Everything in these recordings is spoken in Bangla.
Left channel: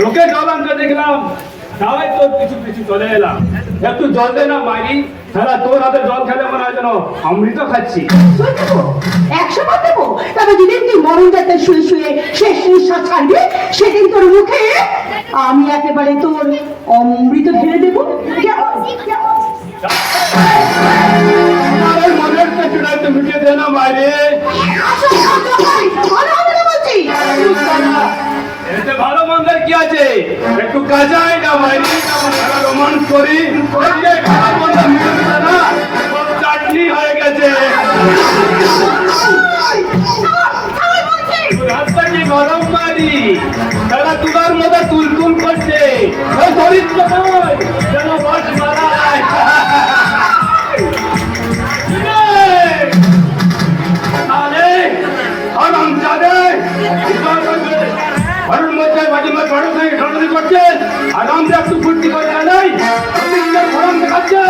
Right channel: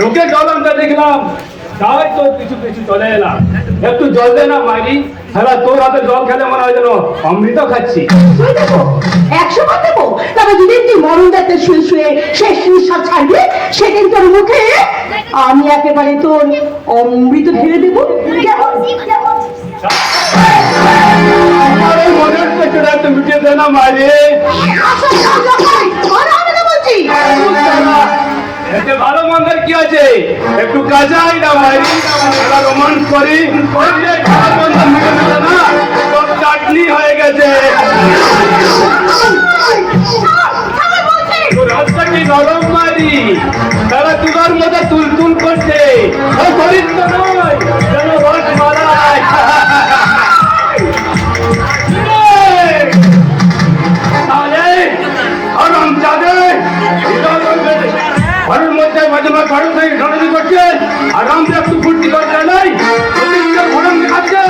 লোকে জল আনতে দেখলাম, তাই তোর কিছু কিছু চলে এলাম। একটু জল দে না মাইরি, হ্যাঁ তোর হাতে জল খেলে মনে হয় যেন অমৃত খাচ্ছি। শুয়ে দেবো, 100 বার দেবো। তবে যেদিন তুই মরণ যাতে শুয়ে শুয়ে শেষ নিঃশ্বাস ছাড়বি, সেদিন তোর মুখে আমি একেবারে তোর অমৃত ঢেলে দেবো। কেমন? আমার এই মনের পেছনে একটু মিটিয়ে দে না মাইরি। এতে ভালো মন্দের কি আছে, একটু কাজাই না মাইরি, রোমান্স করি, ভালো মন্দ মিলে দিল না, সব চাটনি হয়ে গেছে। রাস্তা কি নরম মারি, তারা তুলার মতো তুল তুল করছে, ওই শরীর তো নয় যেন রস মারায়। ঘরের মধ্যে মাঝে মাঝে ঘরের সঙ্গে ঘটানি করছে, আর আমরা একটু ফুর্তি করতে নাই, ঘোরান দেখাচ্ছে।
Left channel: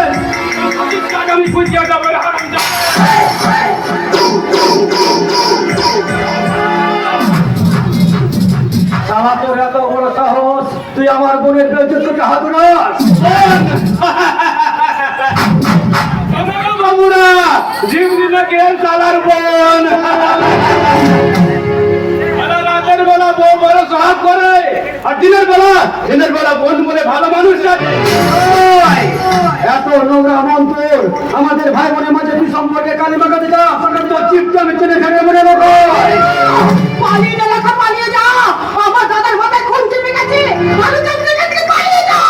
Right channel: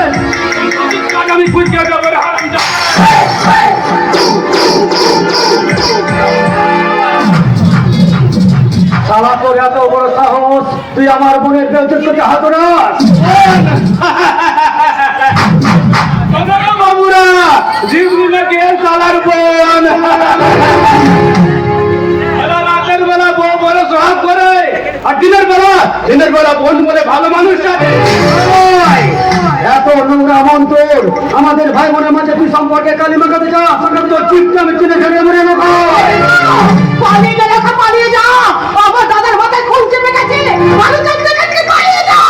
আমি ফুর্তি করে হারাম সারা তোর এত বড় সাহস, তুই আমার বোনের বেউচত করতে হাত না। বাবুরা জিমনি নাকি সালার বোন, রাতের বেলা বউ বড় সোহাগ করে, আর দিনের বেলা বোন বলে ভালো মানুষ সাথে। এত নোংরা মন তোর, আমাদের ভাই বোনের মাঝে তুই সম্পর্কে কালিমা কাছে যা, তোর চিপটা আমি চিনে খেলে মনে পালিয়ে যা লেখা, পালিয়ে যা। আমার দাদার মাথায় খুন চেপে গেছে, পালিয়ে যা।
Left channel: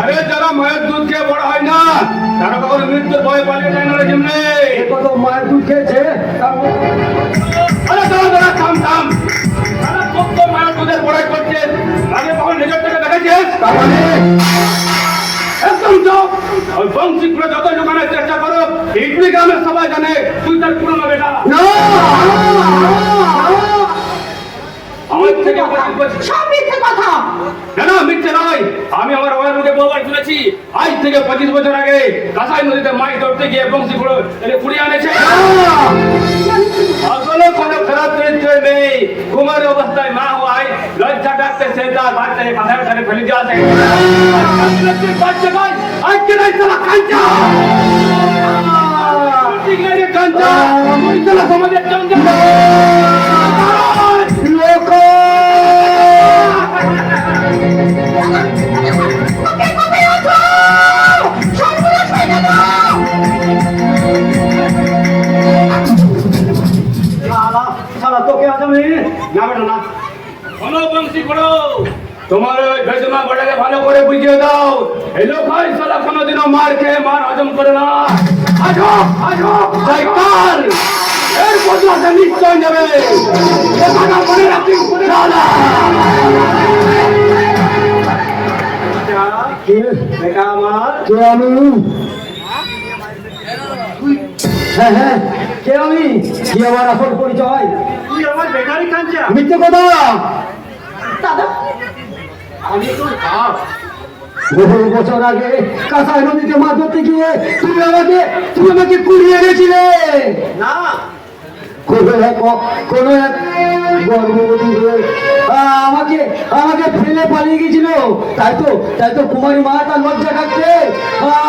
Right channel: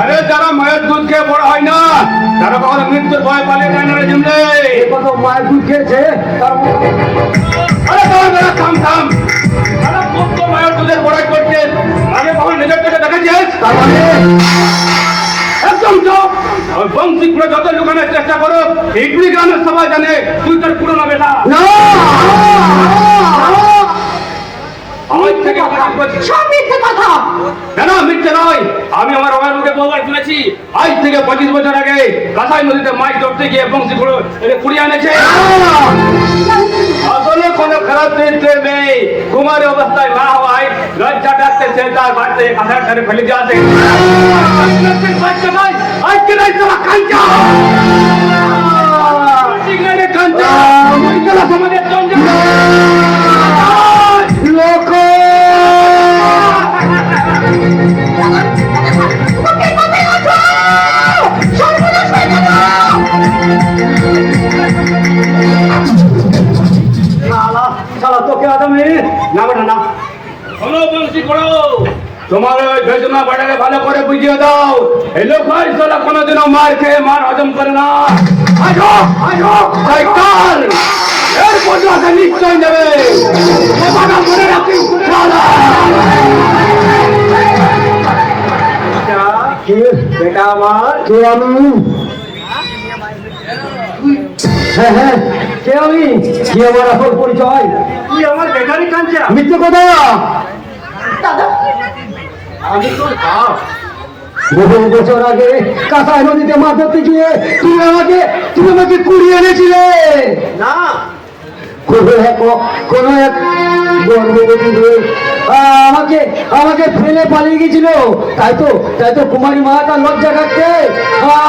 আরে যারা মায়ের দুধ খেয়ে বড় হয় না, তারা কখনো মৃত্যুর ভয়ে পালিয়ে যায় না রে জিমনে। কত মায়ের দুধ খেয়েছে, আরে দাঁড়া থাম থাম, তারা কত মায়ের দুধের বড়াই করছে, আগে কখন নিজের থেকে দেখাচ্ছিস? তার মানে একদম চুপ। ওই বংশীপুরে যত লুকানোর চেষ্টা করো, এইগুলি গ্রামের সবাই জানে তুই তার পুরোনো বেটা। আমার থেকে সব মিথ্যে কথা। না মিথ্যে নয়, আমি আমার বাবার মুখে বহুবার শুনেছি, আজ থেকে 25 বছর আগে কাঁসাই নদীতে মাছ ধরতে গিয়ে বংশীপুর এনে কুড়িয়ে আনেছে। আসলে কোনো খারাপ চরিত্র নেই, কুমারী অবস্থায় মা হওয়ায় লজ্জা ডাকতে সে তার বাড়িতে কাঁসার ধারে ফেলে দিয়ে আসে। আজকে নাই তোরা কাঞ্চা কাঞ্চা সমাজের চন্দ্র লোক। তোকে আদমি না বেটা না, শোনো বংশী করো, তোমার ওই বেদনা বাটাকে ভালো করে বুঝিয়ে দাও, এই লোক সালা কোনোদিনও মার খেয়ে মার হজম করে না। আসো আসো শয়তান, এর বদলাতে নিশ্চয় নেবে, কথাটা মনে রাখি। বেটা আমার কে আমি, হ্যাঁ হ্যাঁ কে আমি, কি আমার আসল পরিচয়? তুই আমার বেকারি কাঞ্চা। মিথ্যে কথা, আমি তোর বাপ। বহু বছর আগে কাঁসাই নদীতে মাছ ধরতে গিয়ে তুমি আমাকে কুড়িয়ে এনেছিলে না? কোন এক গর্ভবতী আমাকে ফেলে পালিয়ে গেছিল, তাই তো কুমারী মা তার লজ্জা কাটতে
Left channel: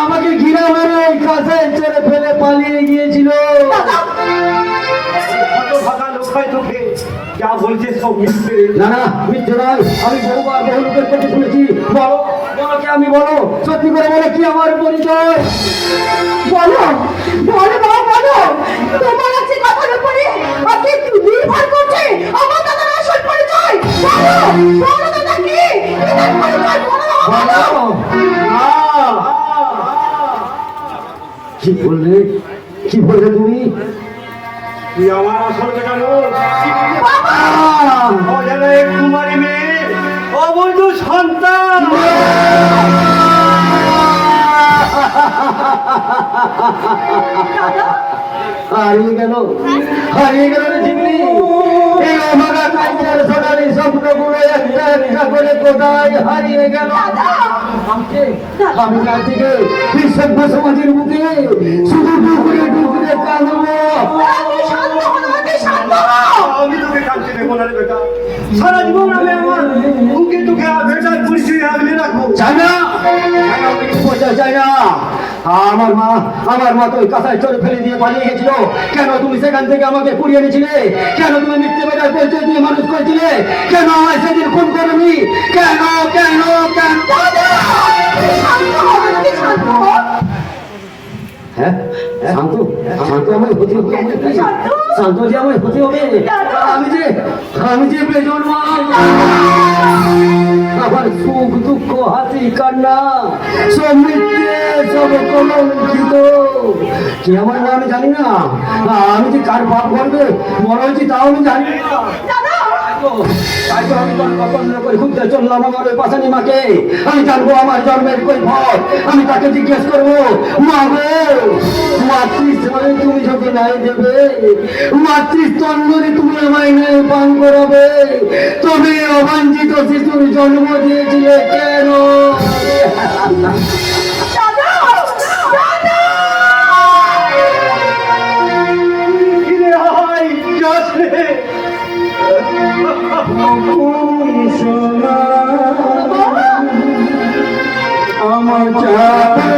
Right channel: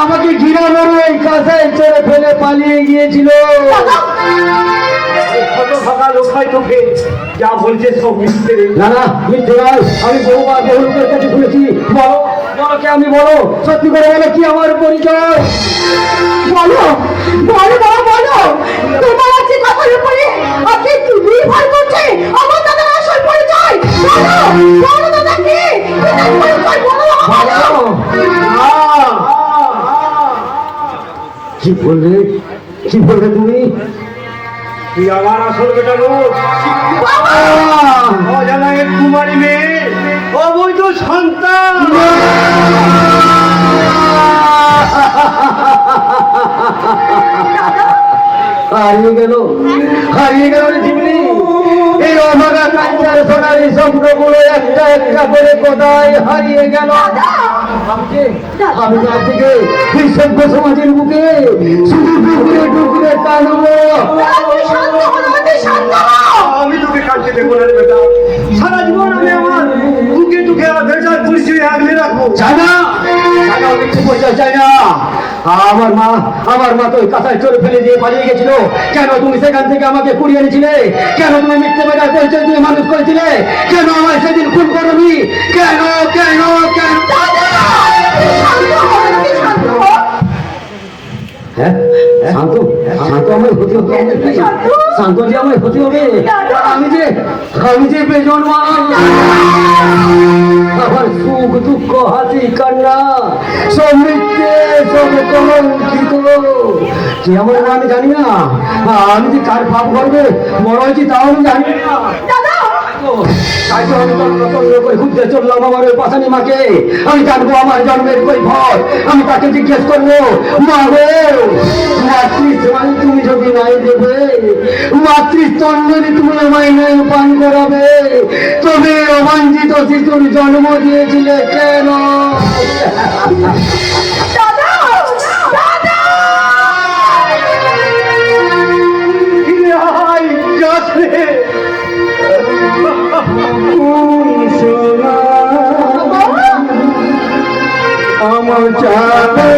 আমাকে ঘিরে মেরে কাঁসাই চড়ে ফেলে পালিয়ে গিয়েছিল। ফাঁকা লোক হয় তোকে যা বলছে সব মিথ্যে। না মিথ্যে নয়, আমি বহুবার বহু লোকের কাছে শুনেছি। বলো বলো কে আমি, বলো সত্যি করে বলো কি আমার পরিচয়? বলো বলো বাবা বলো, তোমার আছে কথার উপরে আপনি কি নির্ভর করছে আমার দাদার আসল পরিচয়? বলো বলো দাদা কি পরিচয়, বলো বাবা বলো। কি বললে তুমি? তুই আমার আসল বেটা নোস, জানা এক কুমারী মেয়ে, অবৈধ সন্তান। হারিয়ে গেল রে জীবনী, এই অভাগা কাঞ্চার সোনালি স্বপ্নগুলো একটা একটা করে কোথায় হারিয়ে গেল। আমি আজ থেকে এই সভ্য সমাজের বুকে শুধু ডুকরে কাঁদবো। আমি তোকে কাঁদতে দেবো না রে বেটা, সারা জীবন আমি আমার বুকে টুকে চাই না, আমি মিথ্যে পরিচয় চাই না। আমার মা তো ওই কাঁথায় চোরে ফেলে দিয়ে পালিয়ে গেছিল। কেন তুমি সেখান থেকে আমাকে কুড়িয়ে এনেছিলে? কেন তুমি মিথ্যে বেটার পরিচয় দিয়ে মানুষ করেছিলে? কেন আমায় সেদিন খুন করনি? কেন কেন কেন? হ্যাঁ শান্ত, শান্ত আমায় হতে হবে, শান্ত যে আমায় হতে হবে। আমি যে বেজন্মা, আমার সুখ দুঃখ হাসি কান্না সব মিথ্যে, সব কলঙ্কিত। যে আমার মা আমি জানি না, আমি যে কার পাপ করবে বড় হয়েছি তাও আমি জানি না। তাই তো আমি তন্ন করে ঘুরতে চললাম আমার ওই পাশানি মাকে। আমি জানবো আমার জন্মের কৈফত। আমি তাকে জিজ্ঞেস করবো, মা গো মাতৃস্থান তুমি যদি নাই দেবে, মাতৃস্তন যদি তুমি আমায় নাই পান করাবে, তবে অবাঞ্ছিত শিশুর জন্ম দিয়েছিলে কেন? আমার চাপে